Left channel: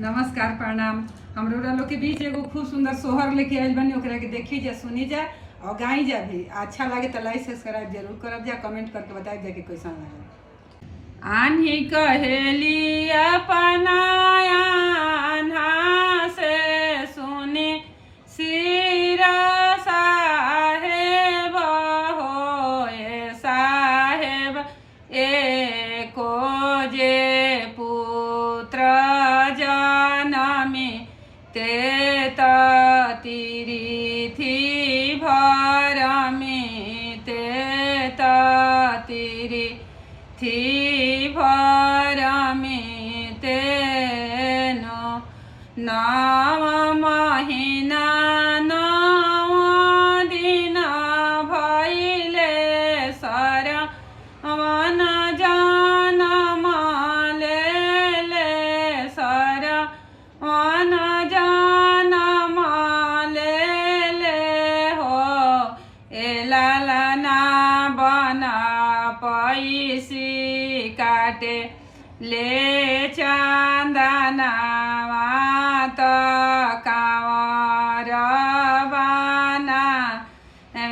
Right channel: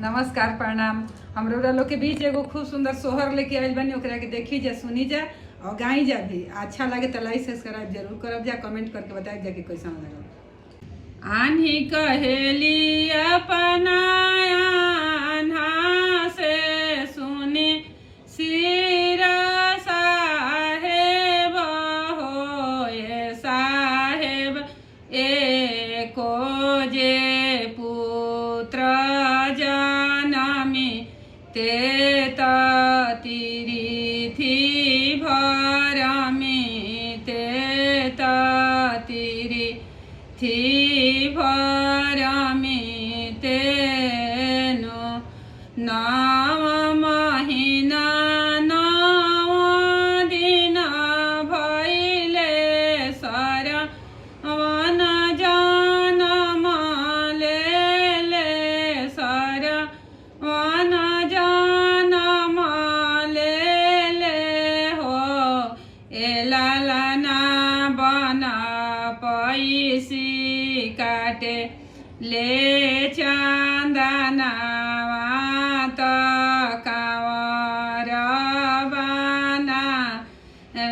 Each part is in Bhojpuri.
नमस्कार प्रणाम। हमरो लोग के बीच एगो खूब सुंदर सोहर लेके आइल बानी, ओकरा के देखी जा, सुनी जा और गाई जा भी। अच्छा लगे तो लाइक सब्सक्राइब जरूर करब जा, कमेंट करके बताई जा कि कैसा लगे। आन्ही कहेली अपनाया आन्हा से सुनी सिर साहेब हो ये साहेब एको जे पुत्र जनमी ते तिरिथि भरमी ते तिरिथि भरमी तेनो नव महिना नव दिन भैले सरवन जनम लेले सरवन जनम लेले हो एलालना बना पैसी काटे ले चंदना मात कावर बना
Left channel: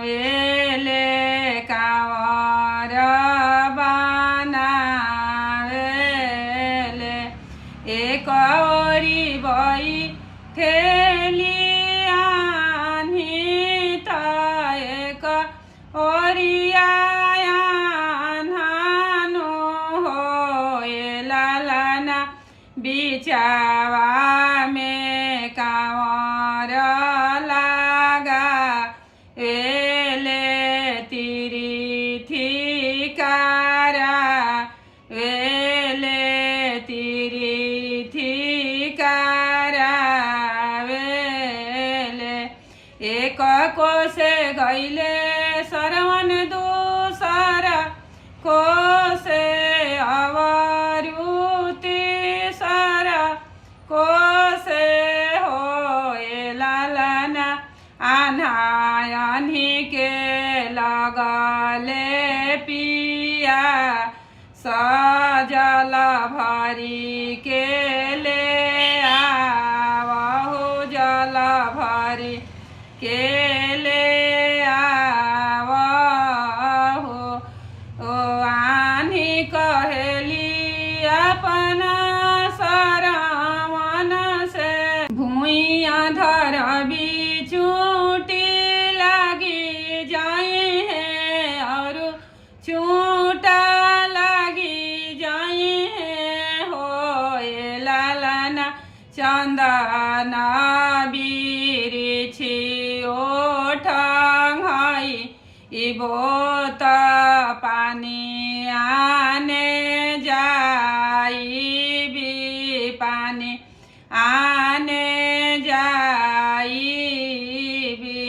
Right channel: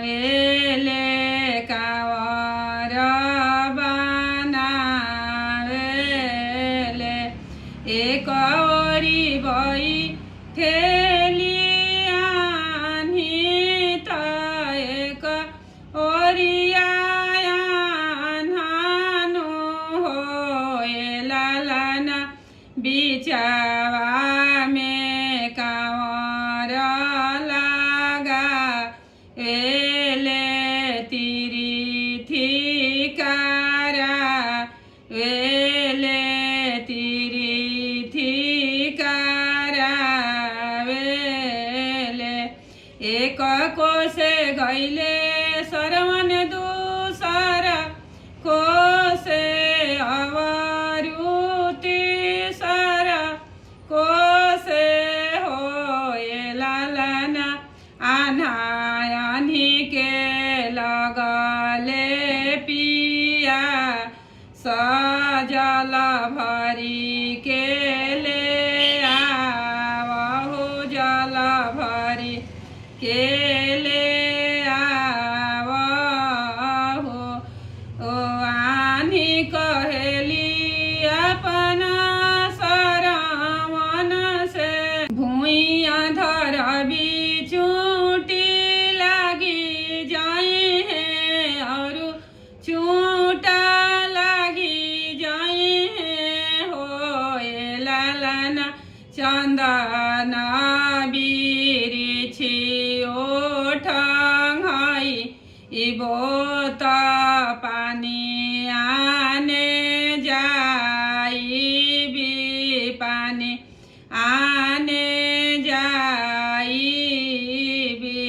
वेले कावर बना वेले एक ओरी बई ठेली आन्ही त एक ओरिया बिचावा में कांवर लागा वेले तिरिथि कारा वेले तिरिथि कारा वेले एक कोसे गईले सरवन दूसरा कोसे अवरुति कोसे हो लालना आन्ही के लगले पिया सजल भरी के ले आवहु जल भरी के ले आवहु ओ आन्ही कहेली अपना भूइया धर चूटी लगी जाए हैं और चूटा लगी जाए हैं हो लालना चंदना बिरिछी ओठंगाई इबोत पानी आने जाई भी पानी आने जाई भी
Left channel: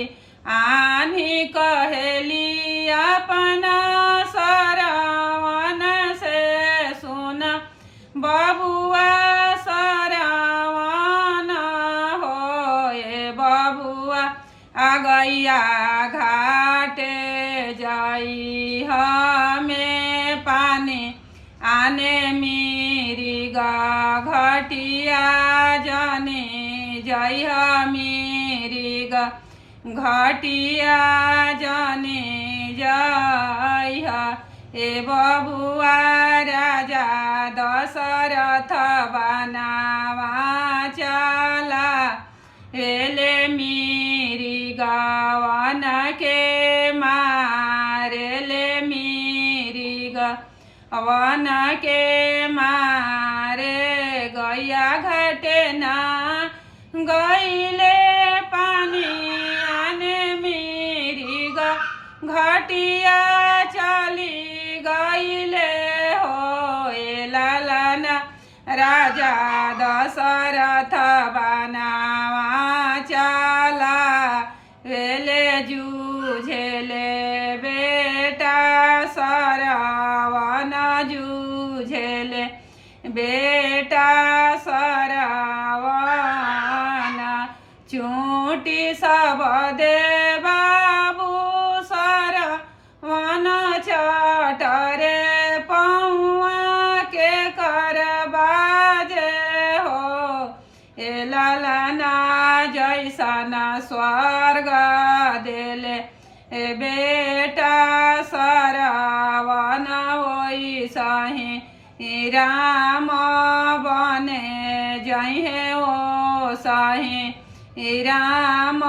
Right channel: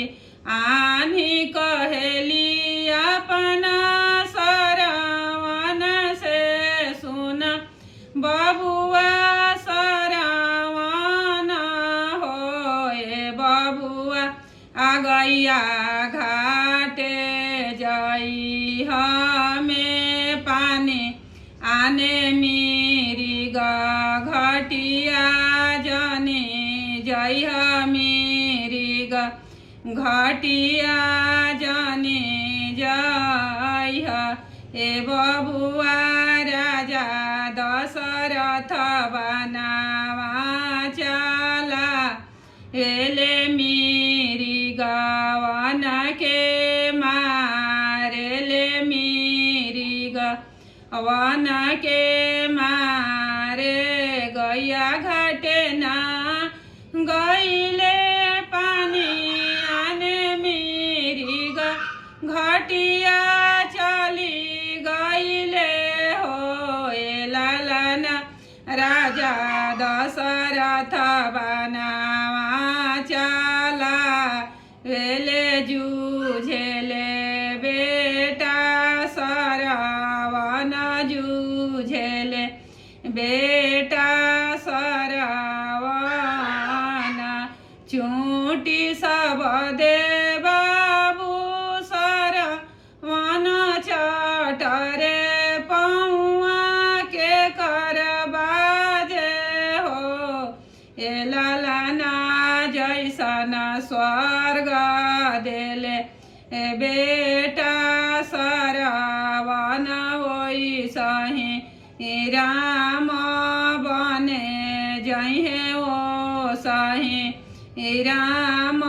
आन्ही कहेली अपना सरवन से सुन बबुआ सरवन हो ये बबुआ आगैया घाटे जाई हमें पानी आने मेरी घटिया जाने जय मेरी घटिया जाने जय ए बबुआ राजा दशरथ बनावा चला एले मेरी गवन के मारेले मेरी वन के मारे गैया घटे ना गईले पानी आने मेरी घटिया चली गईले हो लालना राजा दशरथ बनावा चला वेले जूझेले बेटा सरवन जूझेले बेटा सरवन चूटी सब दे बाबू सरवन चटरे पौआ के कर बाजे हो ए ललना जैसा न स्वर्ग देले ए बेटा सरवन होई सही राम बने जहे ओ सही राम